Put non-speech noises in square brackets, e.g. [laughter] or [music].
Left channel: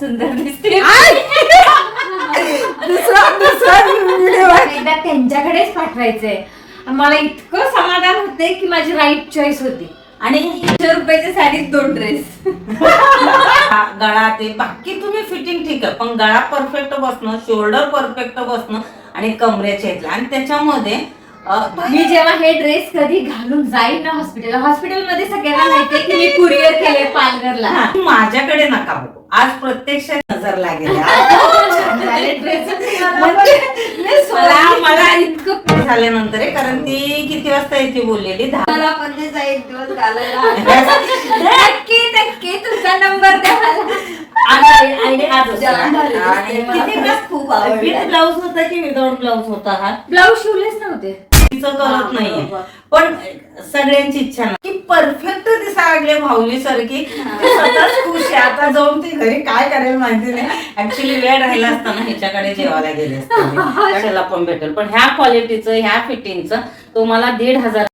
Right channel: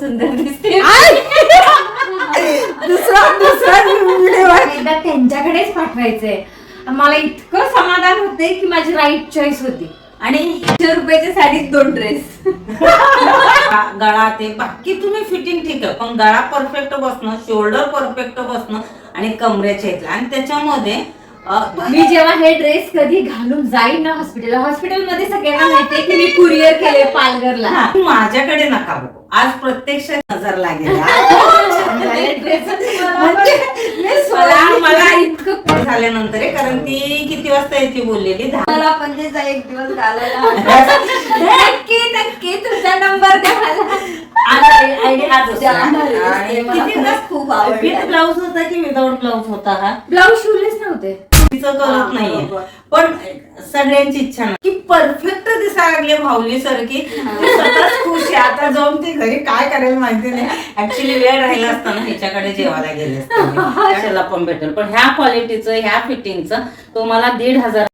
सुंदर दिसते. दुसरा दुसरा व्हिडिओ एकदा त्यांच्याकडेच पाठवायचंय. मला इतकं समाधान होते की माझी राईट चॉईस होती. आणि एकशे रुपयाच्या साडीत दोन ड्रेस गळा ते बाकी तुम्ही फिटिंग ठीक आहे. पण गळा परफेक्ट बसणं शोल्डर परफेक्ट बसणं आणि कमरेच्या इथलं आणि त्याच्यामध्ये मी जेव्हा हे ड्रेस कधी घालून जाईन ना हॉस्पिटलला हॉस्पिटलमध्ये सगळ्यांना माहितीये की मी कुरिअर केले पालघरला. माझ्याकडे नका बघू. आज प्रत्यक्ष नजर लागेल. [laughs] म्हणजे मला इतकं झाल्यानंतर आहे कारण ती किती वाजता येते बोललेली? दहा. पण त्याचा एक दिवस [laughs] नक्की नक्की तुमचा नंबर द्या हा खूप आवडला. ब्लाऊज होता की विदाऊट ब्लाऊज होता हा? ब्लाऊज शिवलेच नव्हते. तिचं कळत नाहीये. पण सगळ्यांची इच्छा नाही. की परफेक्ट दिसायला लागले भाऊली सारखी खुश आहे. आता जाऊन ती घरी काय करेल माहिती नाही. ऍक्च्युली वेळ राहिला असताना ह्याच्याकडे जेवायला गेले असते [laughs] पण भेटेल. पण ह्या क्वालिटीचं ह्या फिटिंगचं तुम्हाला दीड हजार